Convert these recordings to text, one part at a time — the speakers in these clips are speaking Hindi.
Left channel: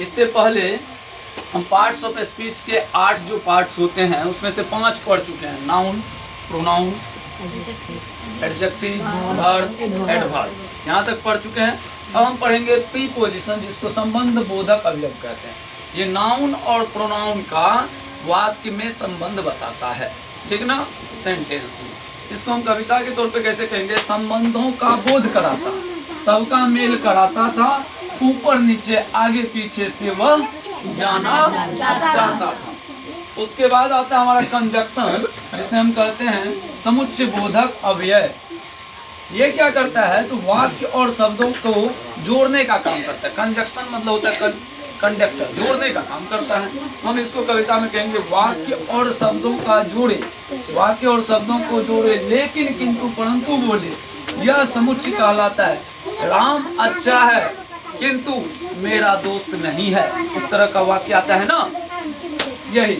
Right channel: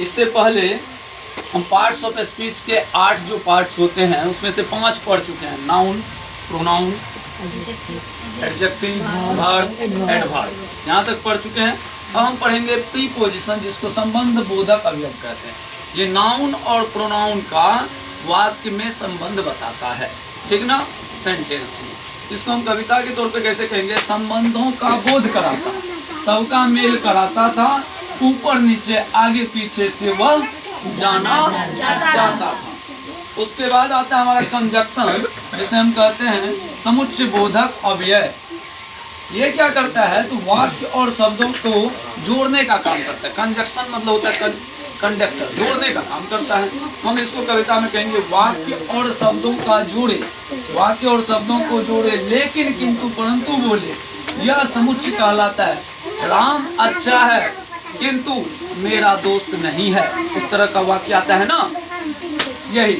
इससे पहले हम पार्ट्स ऑफ स्पीच के 8 जो पार्ट्स होते हैं उसमें से 5 पढ़ चुके हैं। Noun, pronoun, adjective, verb, adverb, यहाँ तक पढ़ चुके हैं। अब हम पढ़ेंगे प्रीपोजिशन, जिसको संबंध बोधक अवयव कहते हैं। ये नाउन और प्रोनाउन का वाक्य में संबंध बताता है, ठीक ना, सेंटेंस में। इसको हम कविता के तौर पे कैसे कहेंगे? संबंधों का बोध कराता, सबका मेल कराता था, ऊपर नीचे आगे पीछे से वह जाना चाहता था। उसके बाद आता है हमारा कंजक्शन, जिसे हम कहते हैं समुच्चय बोधक अव्यय। ये क्या करता है? तो वाक्य और शब्दों को जोड़ने का काम करता है। कंजक्शन मतलब होता है कंडक्टर, जोड़ने का काम करता है। हम इसको कविता में कहेंगे वाक्य और शब्दों का जोड़े, वाक्य और शब्दों को जोड़े, लेकिन किंतु परंतु बोले, यह समुच्चय कहलाता है। राम अच्छा है किंतु मेरा दोस्त नहीं है, इस तरह का वाक्य आता है ना, यही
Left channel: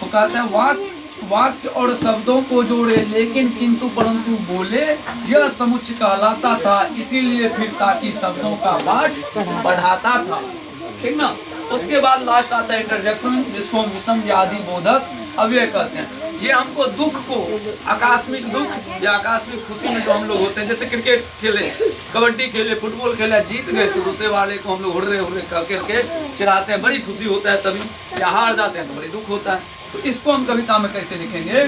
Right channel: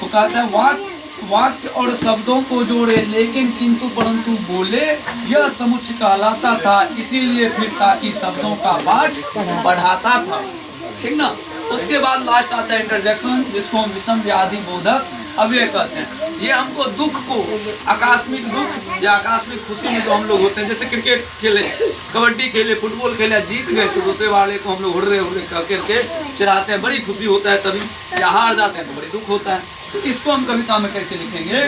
तो कहते हैं वाक्य और शब्दों को जोड़े, लेकिन किंतु परंतु बोले, यह समुच्चय कहलाता था। इसीलिए फिर ताकि शब्दों का पाठ बढ़ाता था, ठीक ना। उसके बाद लास्ट आता है इंटरजेक्शन, जिसको हम विषम व्याधि बोधक अव्यय कहते हैं। ये हमको दुख को, आकस्मिक दुख या आकस्मिक खुशी में जो हम लोग होते हैं, जैसे क्रिकेट खेले, कबड्डी खेले, फुटबॉल खेले, जीत गए तो दूसरे वाले को हम लोग हुर्रे हुर्रे करके चिढ़ाते हैं, बड़ी खुशी होता है तभी, या हार जाते हैं तो बड़ी दुख होता है। तो इसको हम कविता में कैसे लिखेंगे?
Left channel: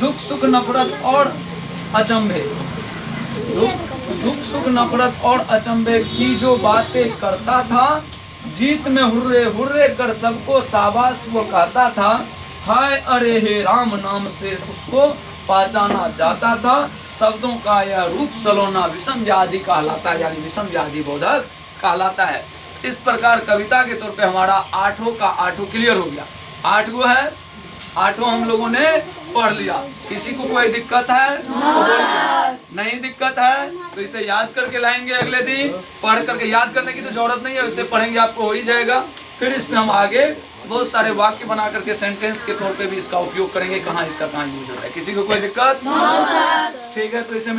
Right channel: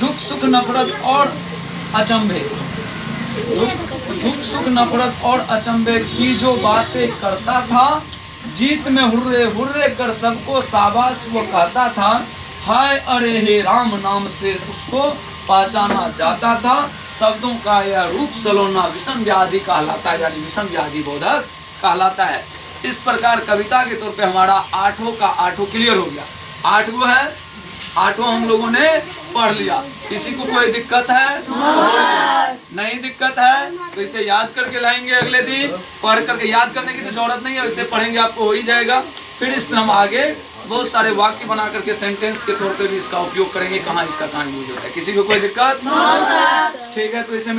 दुख सुख नफरत और अचंभे, दुख सुख नफरत और अचंभे की जो बातें करता था, जीत में हुर्रे हुर्रे कर सबको शाबाश वो कहता था। हाय अरे हे राम नाम से उसको पहचाना जाता था। शब्दों का यह रूप सलोना विषम व्याधि कहलाता है, यानी विषम व्याधि बोधक कहलाता है। इस प्रकार कविता के तौर पे हमारा 8 का 8 क्लियर हो गया। 8 है, 8 हम लोगों ने पढ़ लिया। किसी को कोई दिक्कत है? नहीं दिक्कत है तो इसे याद करके लाएंगे अगले दिन। पढ़ करके याद करने की तो जरूरत नहीं है, इसे पढ़ेंगे आपको हो ही जाएगा। फिर इस पर हम आगे बहुत सारे वाक्य बना करके सेंटेंस के तौर पे भी इसका उपयोग करेंगे, कहाँ इसका कहाँ यूज होता है। किसी को कोई दिक्कत? ठीक है, तो इसे